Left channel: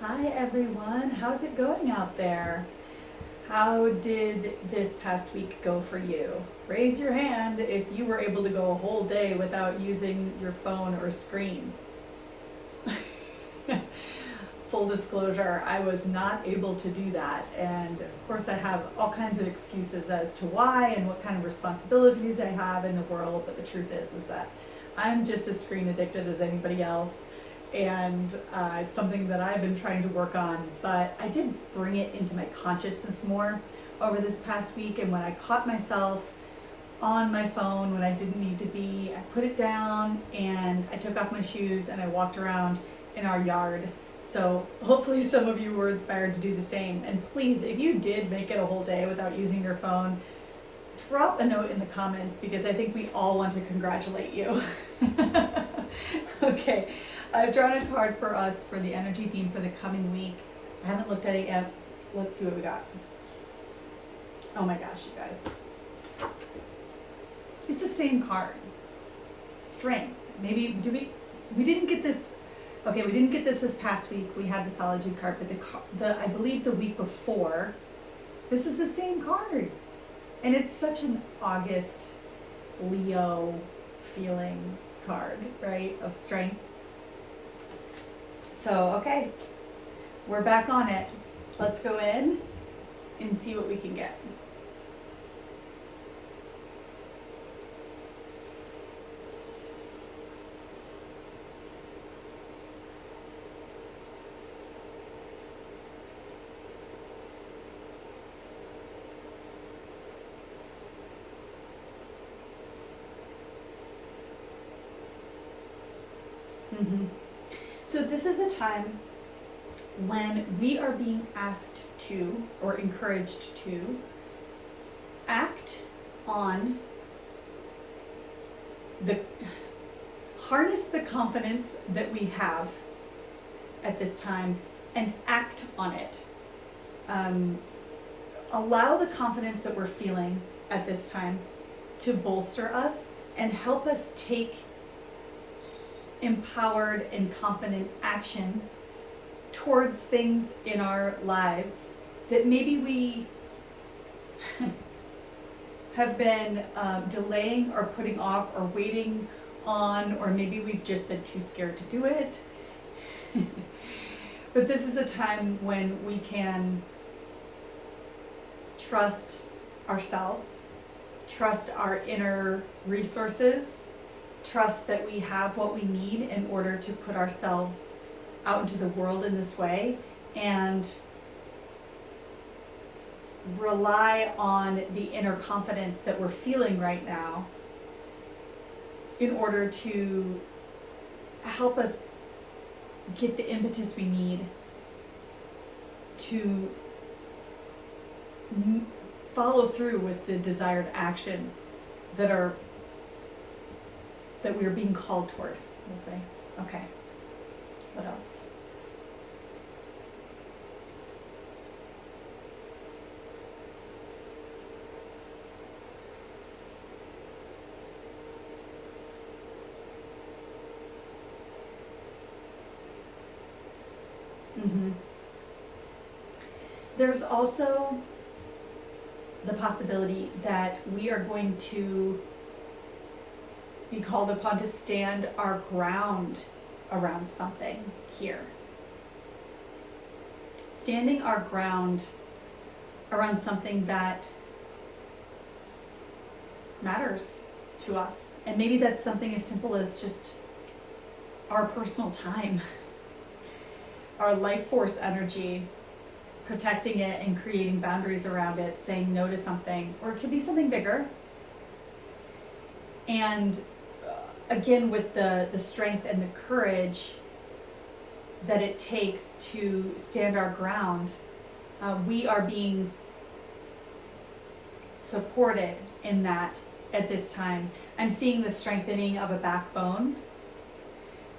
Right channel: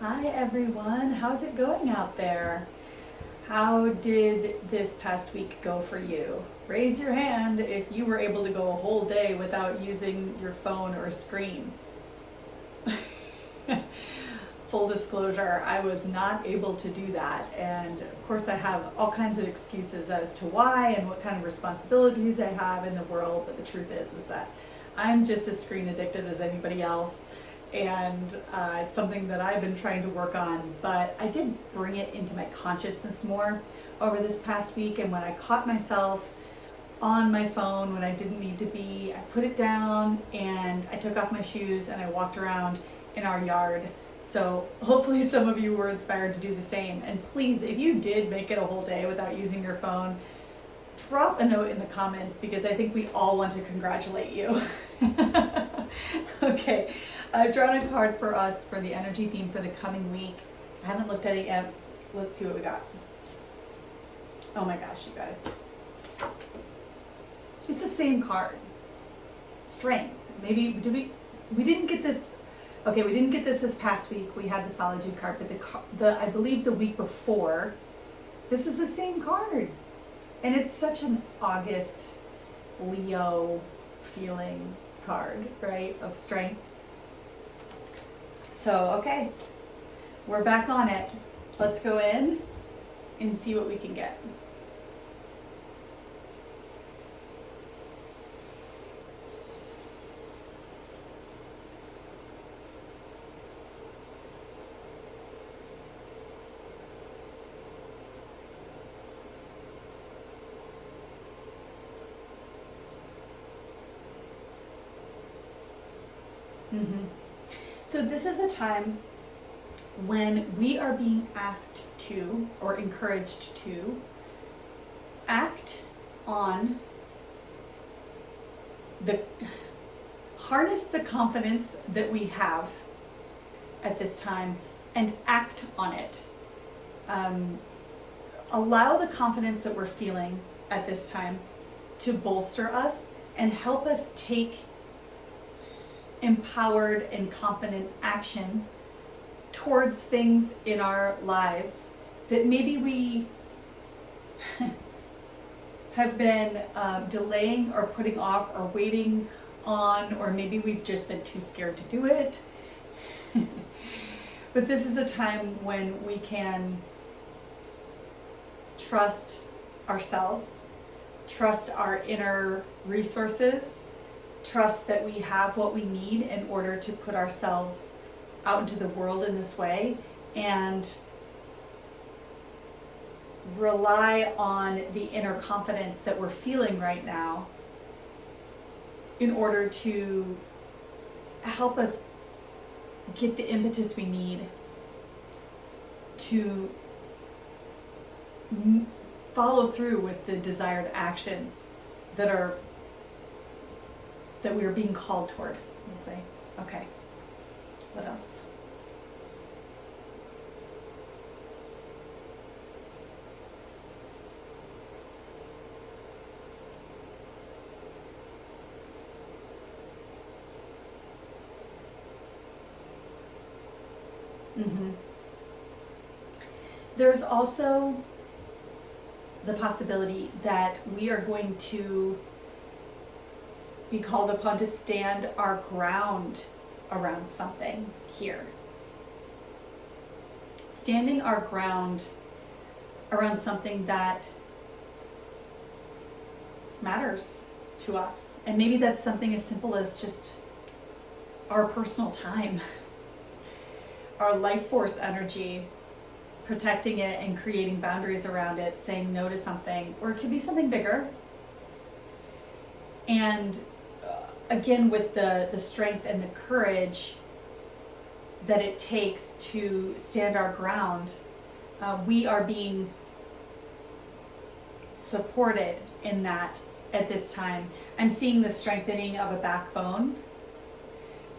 Hi everyone, how's it going out there? How did this past week go for you? Raise your hand if you were able to go a whole day without using your phone or screen. Full disclosure, I was not able to do that, and of course I have all kinds of excuses as to why and what kind of responsibilities I have in the world, but the truth is that I'm just as screen addicted as anybody else, and it's something that I've been trying to work on, but I did bring it into my consciousness more over this past week, and when I caught myself on my phone when I didn't need to be, I put it down and I took off my shoes and I walked around in our yard. So hopefully some of you were inspired to do the same. And please, if you did make it a whole day without using your phone, drop a note in the comments because I think we all want to congratulate you. Okay, I've drawn a card for us for the energy theme for the coming week. I haven't looked at it yet. Let's see what we got. Oh my gosh, you guys. It's the same card. Strength. Maybe, we didn't get this. Okay, we didn't get this past week. We had the solitude card, but I believe the week before, this is the same card. And it's such an August Leo feeling card, right? Of strength. So, okay, we're back on it. Let's go in and see what we can get. So this is a time when we are being asked to, or encouraged to, act on harness the confidence that we have at this time and act on it. Allow the confidence that we're feeling at this time to bolster us and help us take empowered and confident action towards things in our lives that maybe we have been delaying or putting off or waiting on, or maybe we've just been too scared to do it. But this is a time when we can trust ourselves, trust our inner resources, trust that we have what we need in order to put ourselves out into the world in this way, and rely on the inner confidence that we're feeling right now in order to help us get the impetus we need to follow through with the desired actions that we are being called toward, we'll say. Okay, what else? There's also the possibility that we are going to be called upon to stand our ground around something here. Standing our ground around something that matters to us. And maybe that's something as simple as just our personal time, our life force energy, protecting it and creating boundaries around it, saying no to something, or it could be something bigger. And again, with the strength and the courage that it takes to stand our ground, we are being supported in that at this time. I'm seeing the strengthening of a backbone.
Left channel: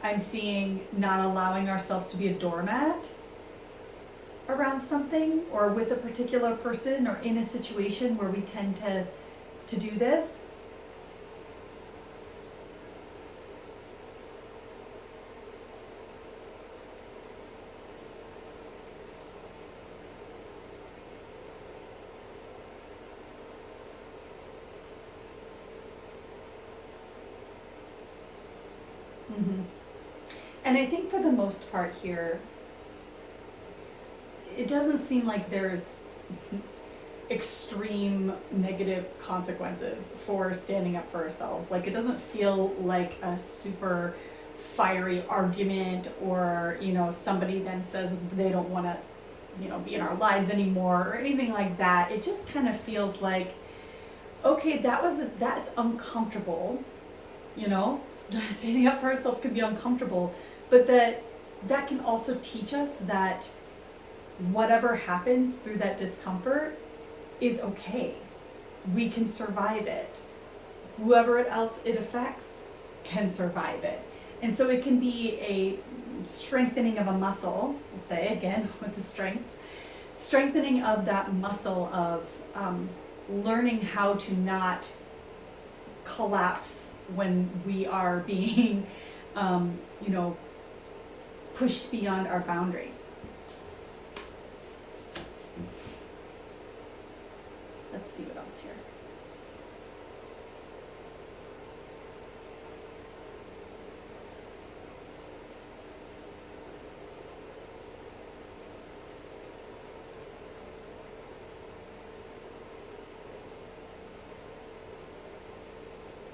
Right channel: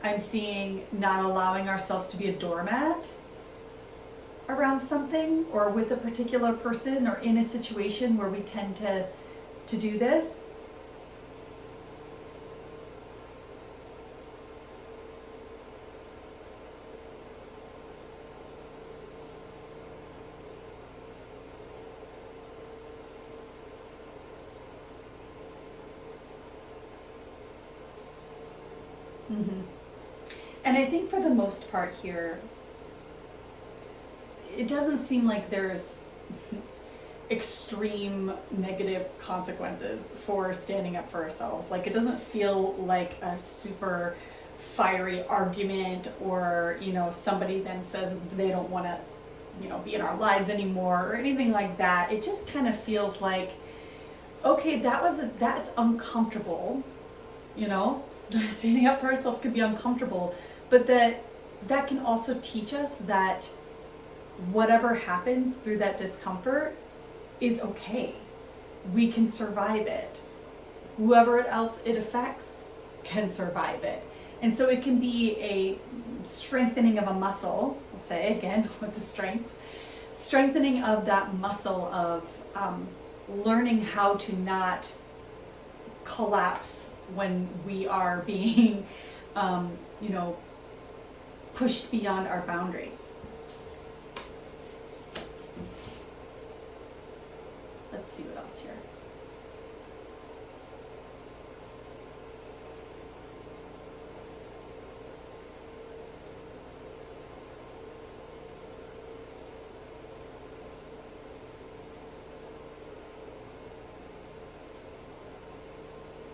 I'm seeing not allowing ourselves to be a doormat around something or with a particular person or in a situation where we tend to do this. And I think for the most part here, it doesn't seem like there's extreme negative consequences for standing up for ourselves. Like, it doesn't feel like a super fiery argument, or, you know, somebody then says they don't want to, you know, be in our lives anymore or anything like that. It just kind of feels like, okay, that's uncomfortable, you know, standing up for ourselves can be uncomfortable, but that can also teach us that whatever happens through that discomfort is okay. We can survive it. Whoever else it affects can survive it. And so it can be a strengthening of a muscle, we'll say again with the strengthening of that muscle of learning how to not collapse when we are being, you know, pushed beyond our boundaries. Let's see what else here.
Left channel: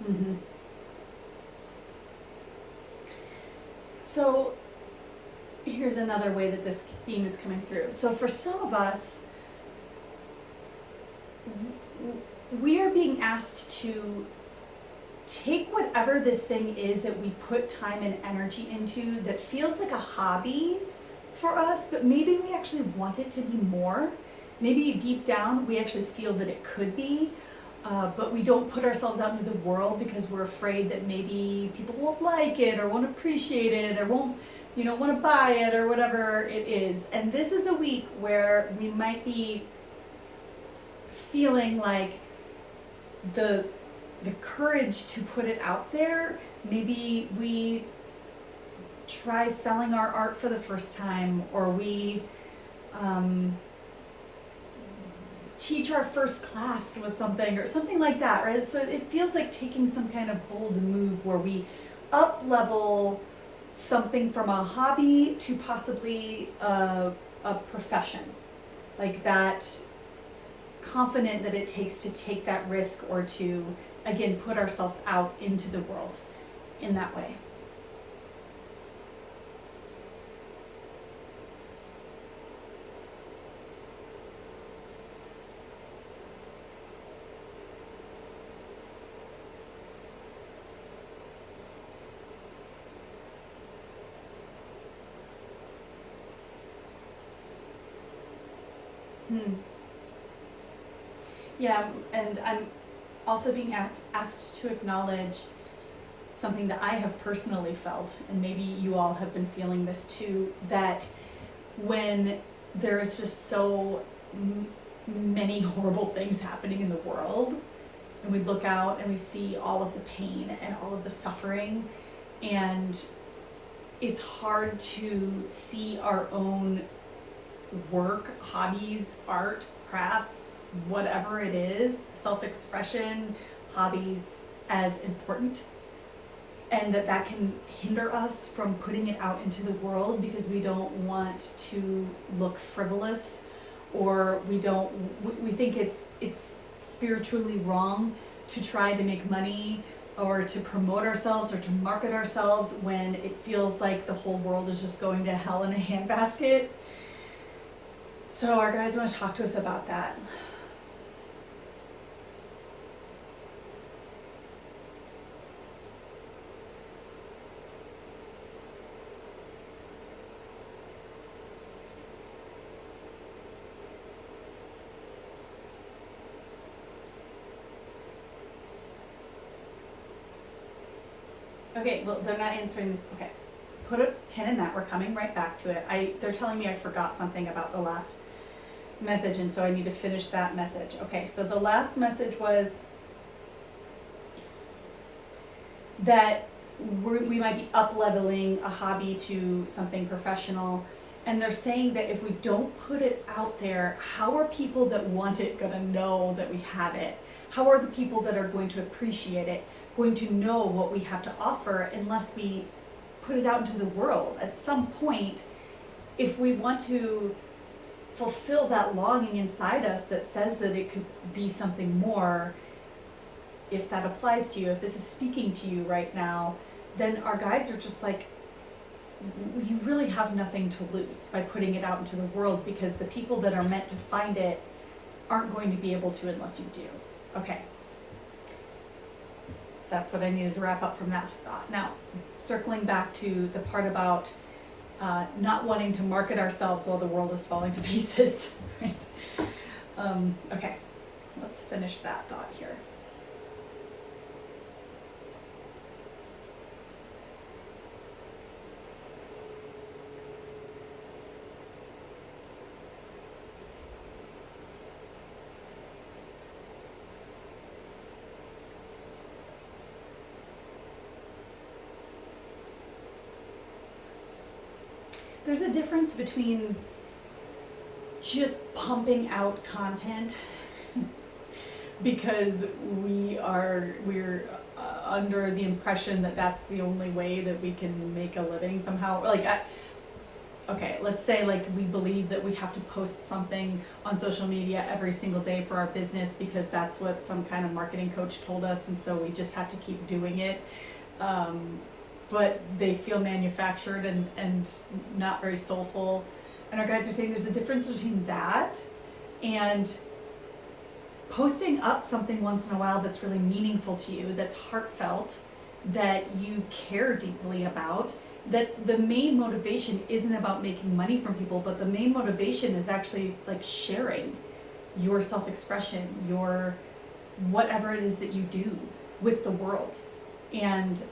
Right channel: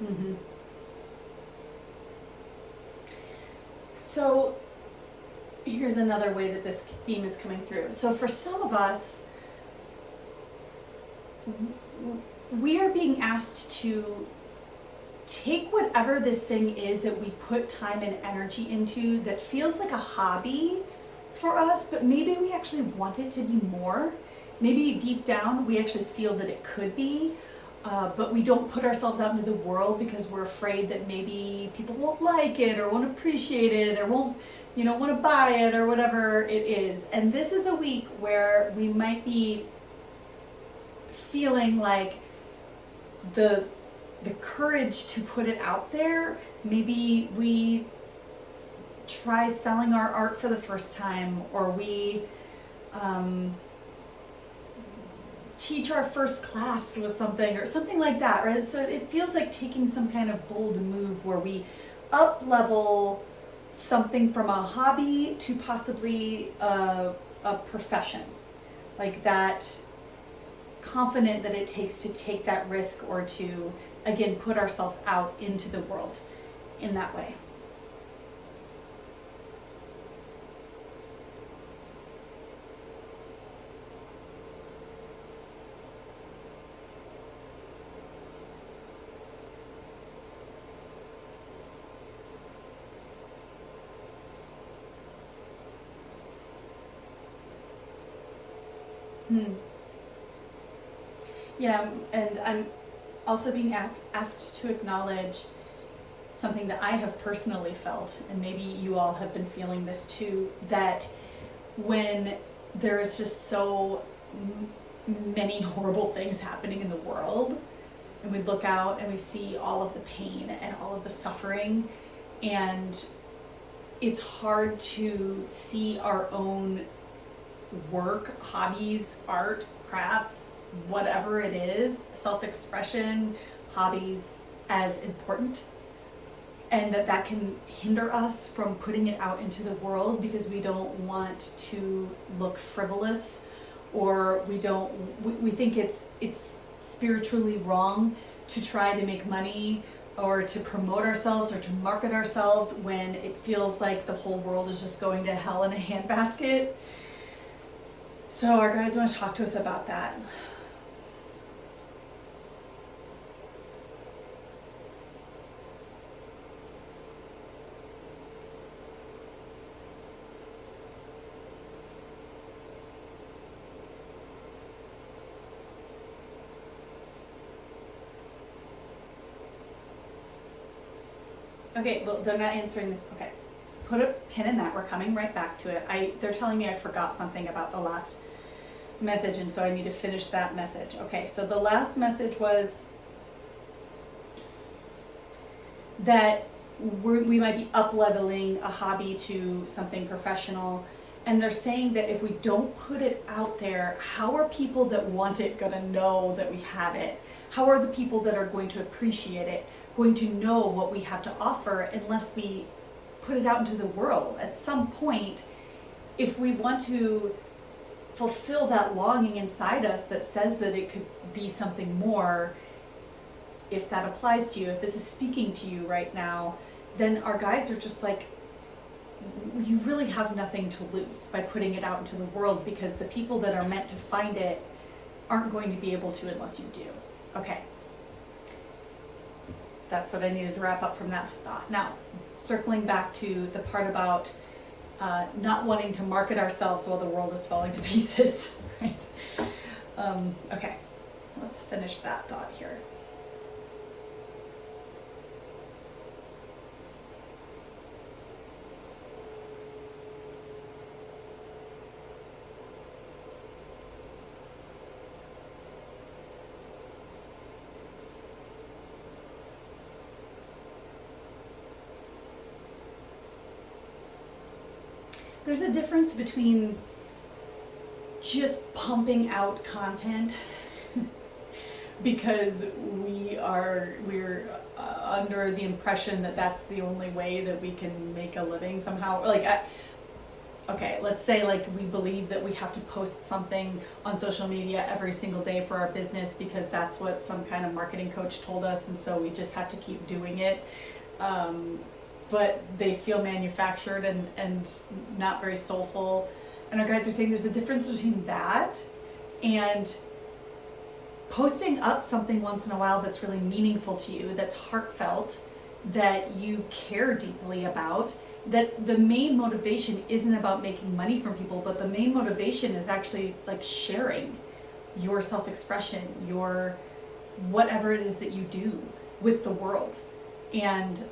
Mm-hmm. So here's another way that this theme is coming through. So for some of us, we are being asked to take whatever this thing is that we put time and energy into that feels like a hobby for us, but maybe we actually want it to be more. Maybe deep down we actually feel that it could be, but we don't put ourselves out into the world because we're afraid that maybe people won't like it or won't appreciate it or won't, you know, want to buy it or whatever it is. And this is a week where we might be feeling like the courage to put it out there. Maybe we try selling our art for the first time, or we teach our first class with something or something like that, right? So it feels like taking some kind of bold move where we up level something from a hobby to possibly a profession, like that, confident that it takes to take that risk or to, again, put ourselves out into the world in that way. Yeah, and I'm also being asked to acknowledge something that I have personally felt, and maybe you all have been feeling this too, that when there is just so many horrible things happening in the world, and we look out and we see all of the pain and all of the suffering, and it's hard to see our own work, hobbies, art, crafts, whatever it is, self-expression, hobbies, as important, and that can hinder us from putting it out into the world because we don't want to look frivolous, or we think it's spiritually wrong to try to make money or to promote ourselves or to market ourselves when it feels like the whole world is just going to hell in a handbasket. So our guides want to talk to us about that. Okay, well, they're not answering. Okay, put a pin in that. We're coming right back to it. They're telling me I forgot something about the last message, and so I need to finish that message. Okay, so the last message was that we might be up-leveling a hobby to something professional, and they're saying that if we don't put it out there, how are people that want it going to know that we have it? How are the people that are going to appreciate it going to know what we have to offer unless we put it out into the world. At some point, if we want to fulfill that longing inside us that says that it could be something more, if that applies to you, if this is speaking to you right now, then our guides are just like, you really have nothing to lose by putting it out into the world, because the people that are meant to find it aren't going to be able to unless you do. Okay. That's what I needed to wrap up from that thought. Now, circling back to the part about not wanting to market ourselves while the world is falling to pieces, right? Okay, let's finish that thought here. There's a difference between just pumping out content because we're under the impression that that's the only way that we can make a living somehow. Like, okay, let's say like we believe that we have to post something on social media every single day for our business because that's what some kind of marketing coach told us, and so we just have to keep doing it. But they feel manufactured and not very soulful. And our guides are saying there's a difference between that and posting up something once in a while that's really meaningful to you, that's heartfelt, that you care deeply about, that the main motivation isn't about making money from people, but the main motivation is actually like sharing your self-expression, your whatever it is that you do with the world. And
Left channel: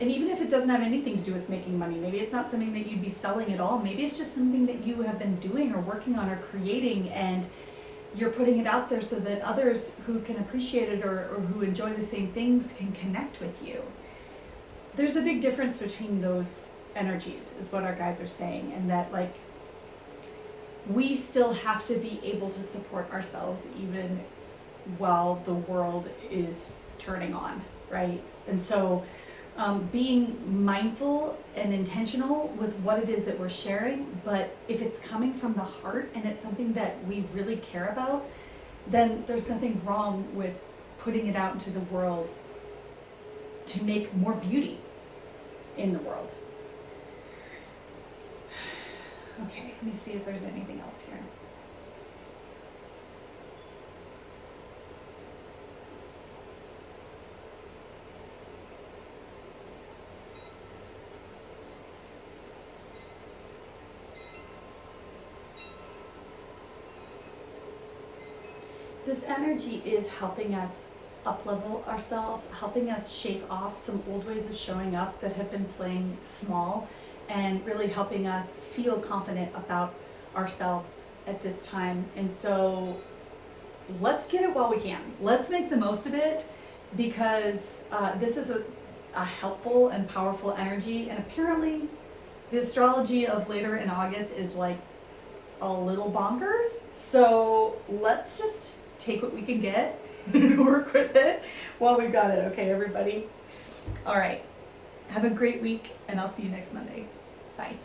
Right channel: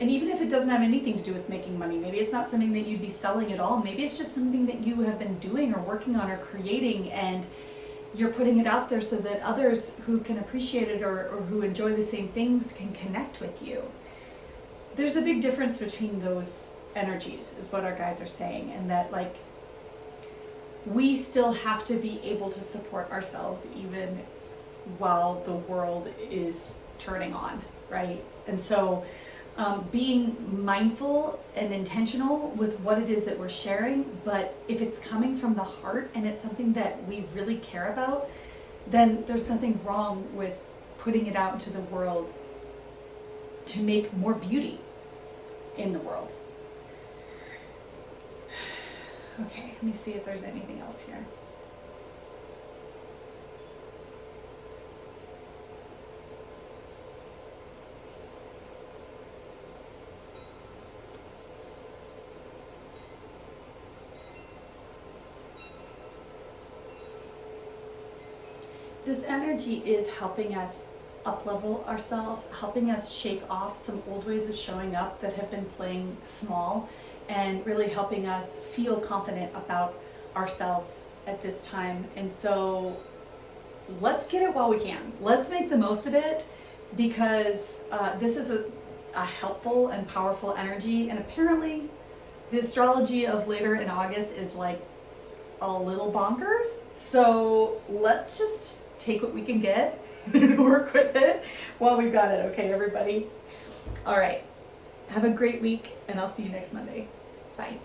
even if it doesn't have anything to do with making money, maybe it's not something that you'd be selling at all. Maybe it's just something that you have been doing or working on or creating, and you're putting it out there so that others who can appreciate it or who enjoy the same things can connect with you. There's a big difference between those energies, is what our guides are saying, and that like we still have to be able to support ourselves even while the world is turning on, right? And so being mindful and intentional with what it is that we're sharing, but if it's coming from the heart and it's something that we really care about, then there's nothing wrong with putting it out into the world to make more beauty in the world. Okay, let me see if there's anything else here. This energy is helping us up-level ourselves, helping us shake off some old ways of showing up that have been playing small, and really helping us feel confident about ourselves at this time. And so let's get it while we can. Let's make the most of it, because this is a helpful and powerful energy. And apparently the astrology of later in August is like a little bonkers. So let's just take what we can get and work with it while we've got it. Okay, everybody? All right. Have a great week, and I'll see you next Monday. Bye.